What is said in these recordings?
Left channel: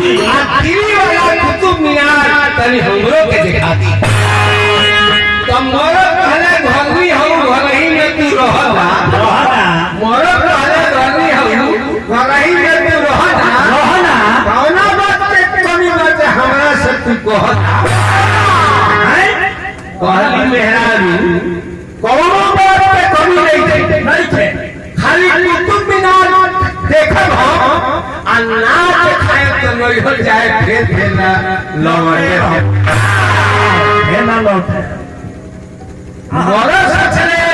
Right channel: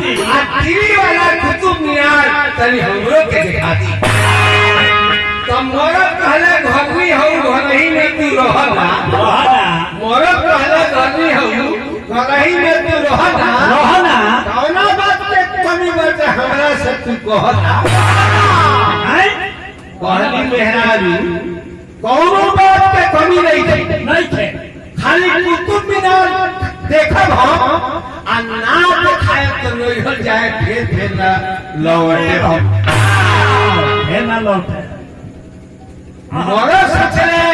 दी दिल्ली वाला कुतुब मीनार तनी हमरो के दिखा दी। तो मोरो कहले घरनी हूँ घरही में तू रहना मोरो कहले घरनी हूँ घरही में तू रहना कौना बात के कमी बात हमरा से तू कहना कहली मेहरारू कौनो बात के कमी नहीं थे खाली कुतुब मीनार देखब हम आ नाच खाए तो नहीं हो जाए फिर ना लौटे ना लौटे मोरो सोचले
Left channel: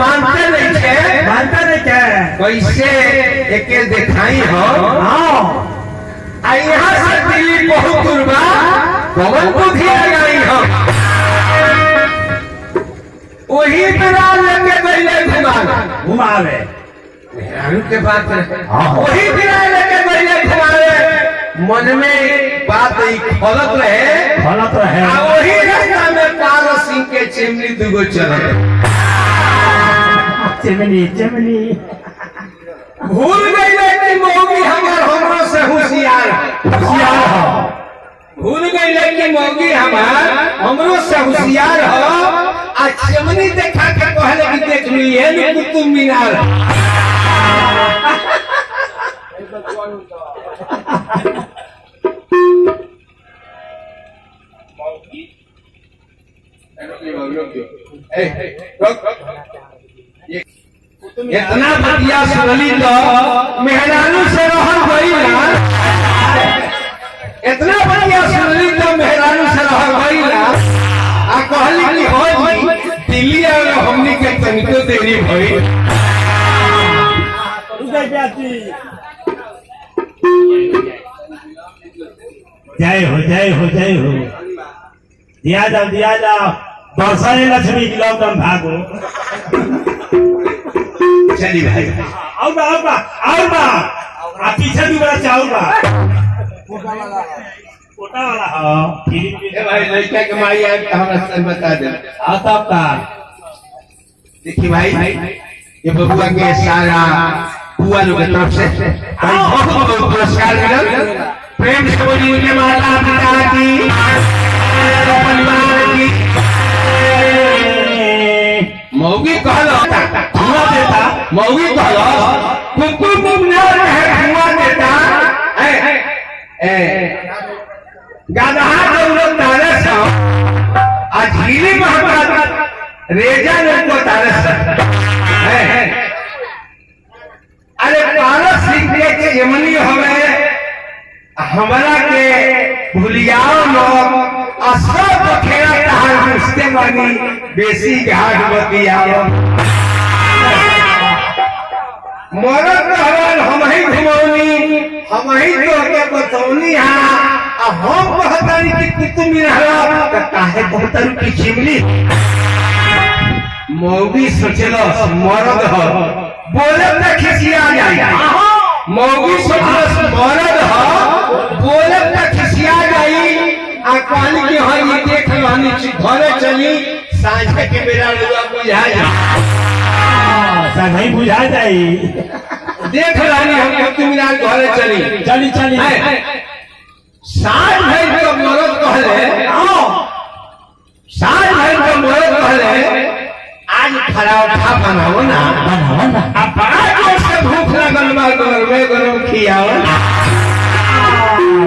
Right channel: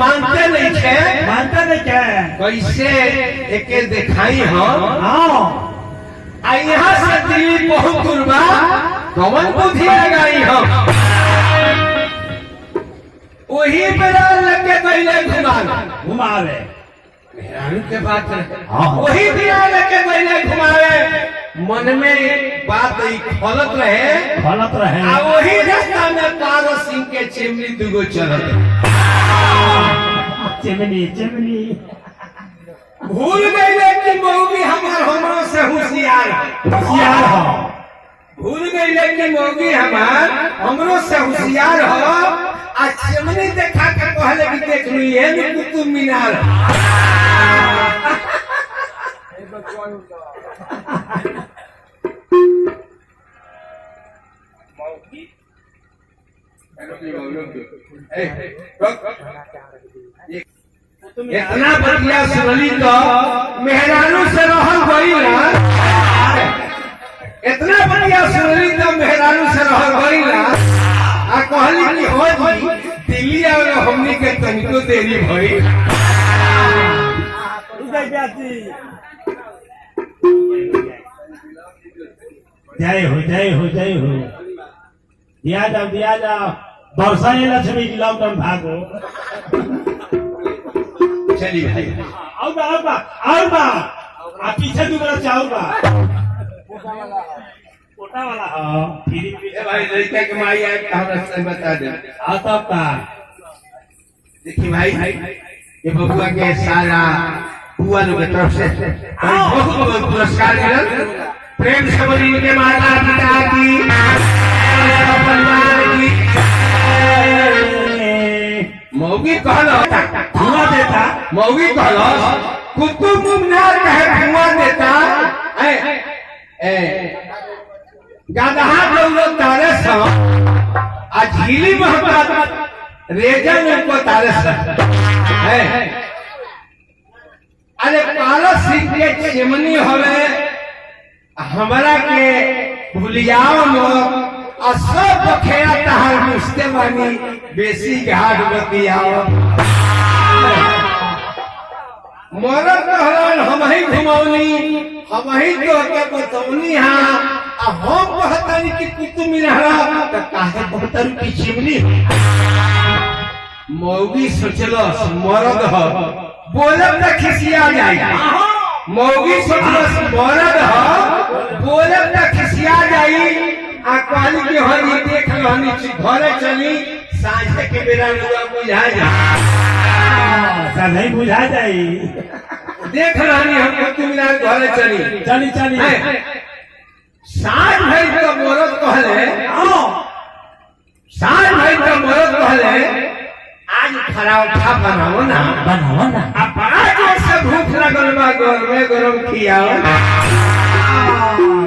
मानते नहीं थे कैसे एके दिखाई हो आ यहाँ से दिल्ली बहुत दूर बा कौन बुद्धि लगाई हो वही मेरा लेके पहले घुमावे मेहरारू के बात वही बिना लेके पहले घुमावे मन में बात खलत रहे आ वही रास्ता में पारस सिंह के चिमनी दुगो चलत चिमनी भूल गई कि मौगी हमरो से होशियार हो भूल गई कि मौगी हमरो से होशियार हो आ चिमनी देखा के कहले कि देख लिए न कुतुब मीनार इतना बढ़िया सुनली तो मेहरारू से रहल गई ना इतना बढ़िया सुनली तो मेहरारू से रहल गई ना आ कहली कि हो जी दिल्ली आवे हमनी के तनिको देरी भई जय हो दिया जाओ बरसा लक्ष्मी की लॉकडाउन भागो चली भाई और बा आप पीछे भी बड़ा चाऊ बा कोटा वाला हाँ ए भाई लड़का के माई आए तो हमरा से बता दे तब का देखिए भाई ये बबुआ के सारा बुआ लोग की तरफ से बहुत पुरस्कार मिलल प्रेम से बोली के माता पिता की परिवार की मौगी कहलो धुआं देता मौगी कहलो कुतुब मीनार में धुआं देता गदहा जरूरत तारे सा आ झीली महका रेजा ने को तारे सा अरे पारस सिंह के यमनी हवे हमरा के भूलियाओ लोग सब खेला तहार मुस्ते मानी बेसी घाट बतियाओ मरद रहन हम ही घुमौनी हम ही तो के बतौनी हां हम कहतानी कि कुतुब मीनार त काहे बहुतर की चिमनी मौगी सोचलो मरद हो बोले त खिसिया जाई मौगी सोचलो मरद हो बोले त खिसिया जाई आ कहली कि हां ये देख रहनी घरे चली सांझ के बेरा लुआ बुझा जा नहीं बुझा जाई देख रहनी हम कुतुब मीनार घरे चली साँझ भाई तो मरद कहले साँझ भाई तो मरद कहले आज पराठा बनाओ ना अब बड़ा जोर से भूख लगल बा गरम खियाओ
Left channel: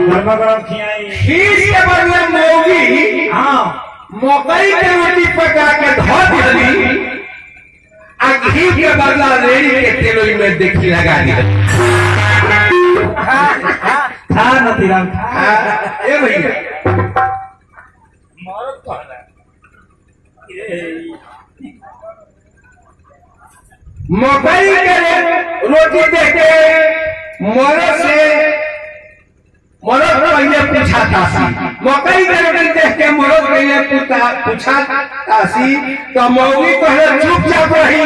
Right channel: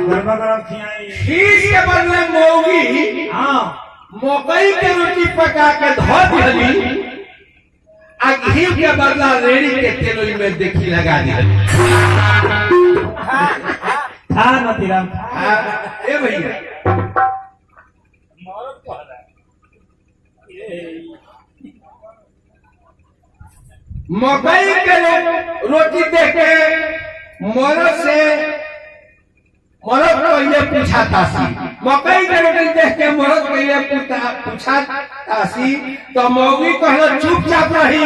गरम खियाई खीर के बदले मौगी मकई के रोटी पका के धो दिली आ घी के बदला रेड़ी के तेल में देखी लगा दी था नतीराम ए भैया मरद कहला मकई के रोटी देख के मरद पहले पूछाता सी मकई के रोटी देख के मरद पहले पूछाता सी तो मौगी कहले चुपचाप रही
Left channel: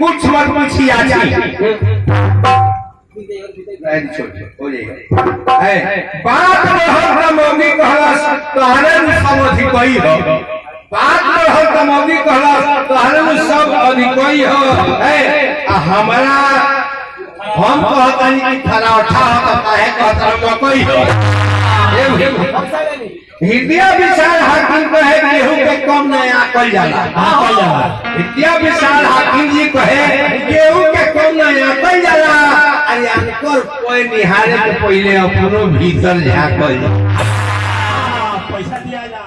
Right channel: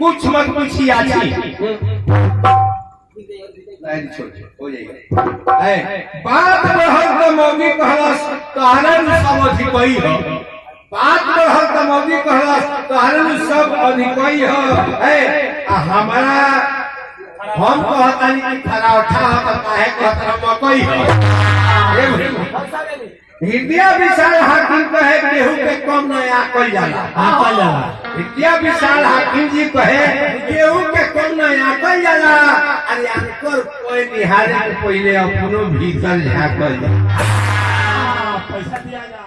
कुछ मत पूछी आजी हो जाएगा बात रहल तो मौगी कहलस तहरे सब अधिकई हो बात रहल तो मौगी कहलस तहरे सब अधिकई हो हमारा हम कहतानी कि पराठा हो तो काहे कहता मकई हो विद्या विशाल हाकिम कहे गेहूं के कम न आकल जाला। विद्या विशाल हाकिम जी कहे गेहूं के कम न आकल जाला। अरे अंकर कोई निहारे के पहले अपनो भीतर झाँकल। पैसा दिया जा।